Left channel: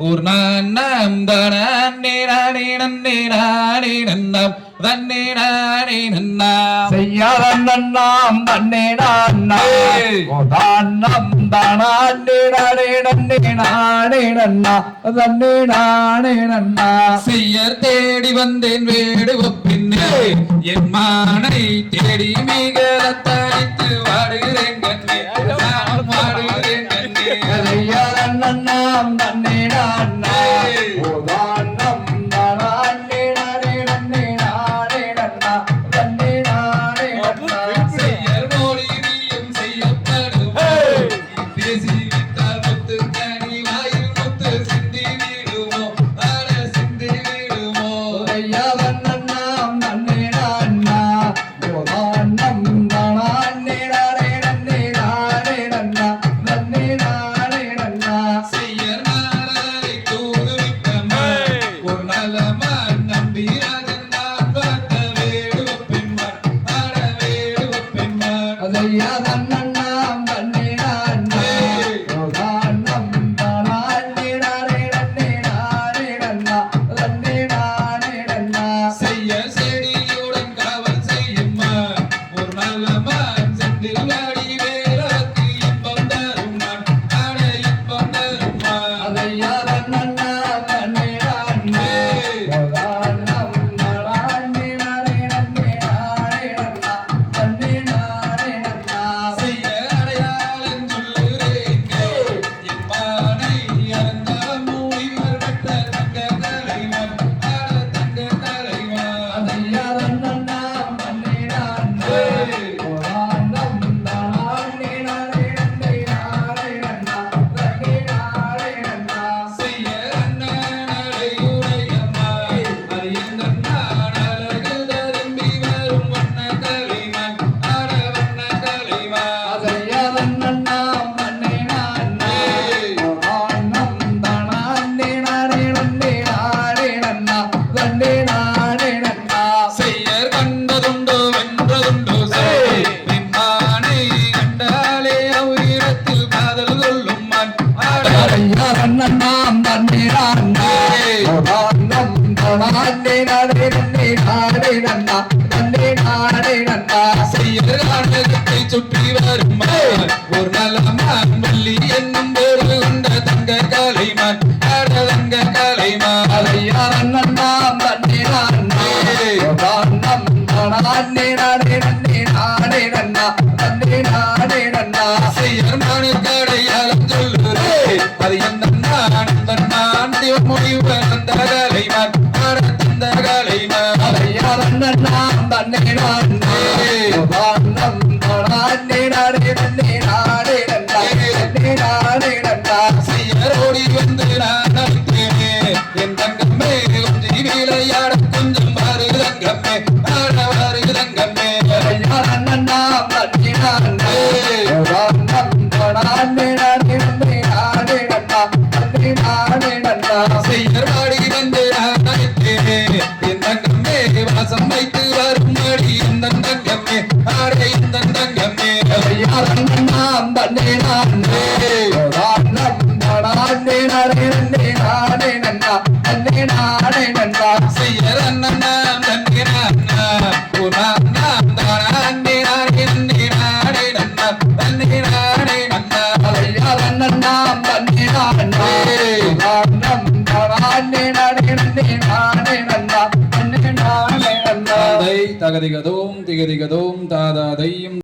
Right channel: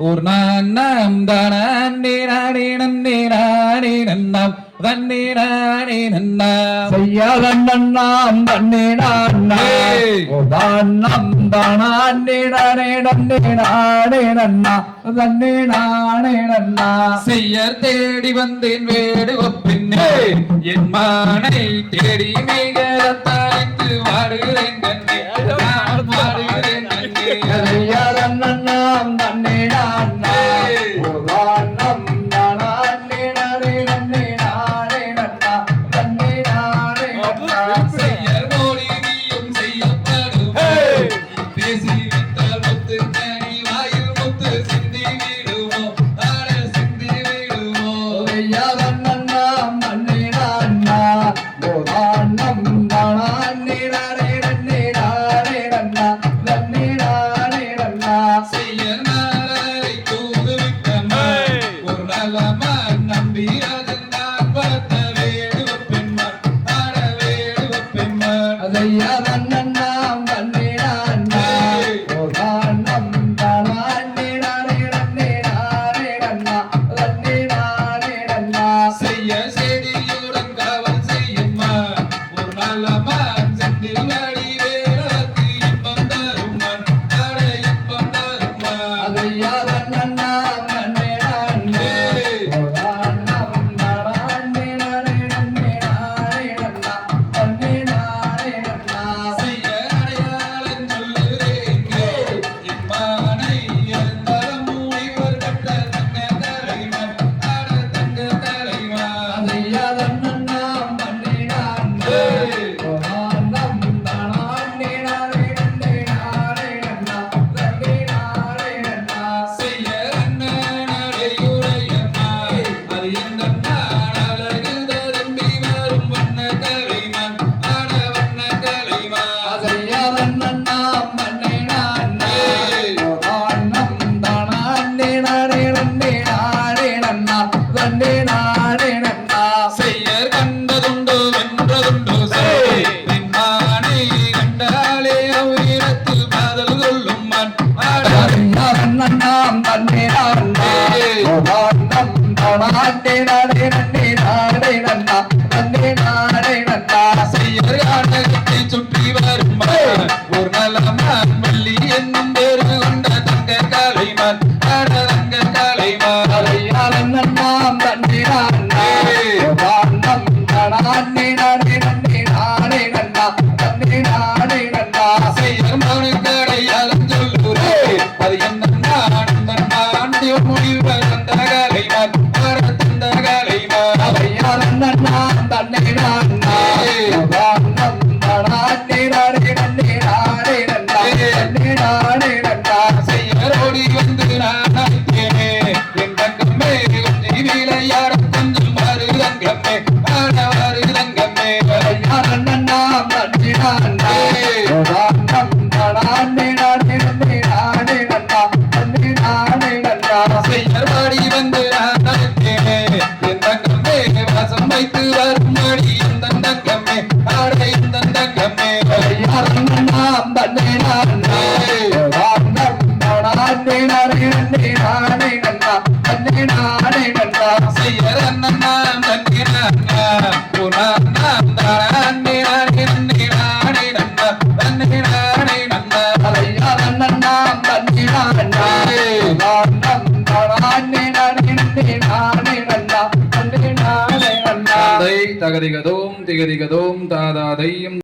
ஒரு நான்னம் தானே நன்னம் தன்னே நானே நன்னா செய்யாதம் நன்னாம் தன்னே நானே தானம் தானே நானே நன்னே நானே நன்னா தன்னே நானே நன்னா செய்யர் தேடி வந்தேன் வேடு ஒப்பின்னே என் மானை தேடி மிக தனித்து வாடுகிறேன் கண்ணே வாடுகிறேன் கண்ணே செய்யாதம் நன்னாம் தன்னே நானே தானம் தானே நானே நன்னே நானே நன்னா தன்னே நானே நன்னா செய்யர் மொழி நீயும் செய்யப்படுமோ பேசி விட்டால் முத்து கனி வாயில் முத்து சிந்தி விடுமோ ஆட சிந்தி விடுமோ செய்யாதம் நன்னாம் தன்னே நானா தானம் தானே நானே நன்னே நானே நன்னா தன்னே நானே நன்னா செய்யர் நாரை தூது விட்டம்மா ஒரு நல்லமான் நம்பி ராஜன் நான் பார்த்த வேடுவ பெண்மான் ஆட வேடுவ பெண்மான் செய்யாதம் நன்னாம் தன்னே நானா தானம் தானே நானே நன்னே நானே நன்னா தன்னே நானே நன்னா செய்ய செடியுடன் காவல் செய்யும்மா ஒரு நல்லமான் செந்தில் வாடி வேறக்கு இன்பம் தருமான் ஆட இன்பம் தருமான் செய்யாதம் நன்னாம் தன்னே நானே தானம் தானே நானே நன்னே நானே நன்னா தன்னே நானே நன்னா செய்ய அடையாளம் சொல்லுறேங்க என் மானை இழந்தாலும் மூடிவர் பெற்ற தங்க தலைவன் ஆட தங்க தலைவன் செய்யாதம் நன்னாம் தன்னே நானே தானம் தானே நானே நன்னே நானே நன்னா தன்னே நானே நன்னா செய்ய அண்ணாடையுடையம்மா அது எந்த அழகு தரும்பி வரும் வண்ண தலைவன் ஆட வண்ண தலைவன் செய்யாதம் நன்னாம் தன்னே நானே தானம் தானே நானே நன்னே நானே நன்னா தன்னே நானே நன்னா செய்யர் கண்டதுண்டோ வென்றதுண்டோ சரி பெண்மானை கண்டாலே உயிரத்தில் காதல் கொள்ளும் மண் ஆட செய்யாதம் நன்னாம் தன்னே நானே தானம் தானே நானே நன்னே நானே நன்னா தன்னே நானே நன்னா செய்யர் ஆட்டத்தை சுற்றி வரும் ஒரு நலமான் வள்ளி என்னும் பேரு கொண்ட தங்க கலைமான் ஆட தங்க கலைமான் செய்யாதம் நன்னாம் தன்னே நானே தானம் தானே நானே நன்னே நானே நன்னா தன்னே நானே நன்னா செய்யர் மனுக்கடையாளம் சொல்லுரே அது என்ன நான் முடிவு தந்த கலைமான் ஆட தந்த கலைமான் செய்யாதம் நன்னாம் தன்னே நானே தானம் தானே நானே நன்னே நானே நன்னா தன்னே நானே நன்னா செய்யரோடி வந்து நான் அழைத்தேனே என் தங்கம்மே கொஞ்சி விளையாட கொஞ்சம் மாறு தங்கம்மே ஆட வாரு தங்கம்மே செய்யாதம் நன்னாம் தன்னே நானே தானம் தானே நானே நன்னே நானே நன்னா தன்னே நானே நன்னா செய்யர் பாடி வந்து நான் அழைத்தேனே என் தங்கம்மே வாசம் வைத்து வரும் மாடி இந்த தங்கம்மே ஆட இந்த தங்கம்மே செய்யாதம் நன்னாம் தன்னே நானே தானம் தானே நானே நன்னே நானே நன்னா தன்னே நானே நன்னா செய்யர் அண்ணன் நாம் தன்னே நானா நாம் தானே நானே நன்னே நானே நன்னா தன்னே நானே நன்னா செய்யாதம் நன்னாம் தன்னே நானே தானம் தானே நானே நன்னே நானே நன்னா தன்னே நானே நன்னா தகதிகதோம் திகதிகதோம் தாதாதையும்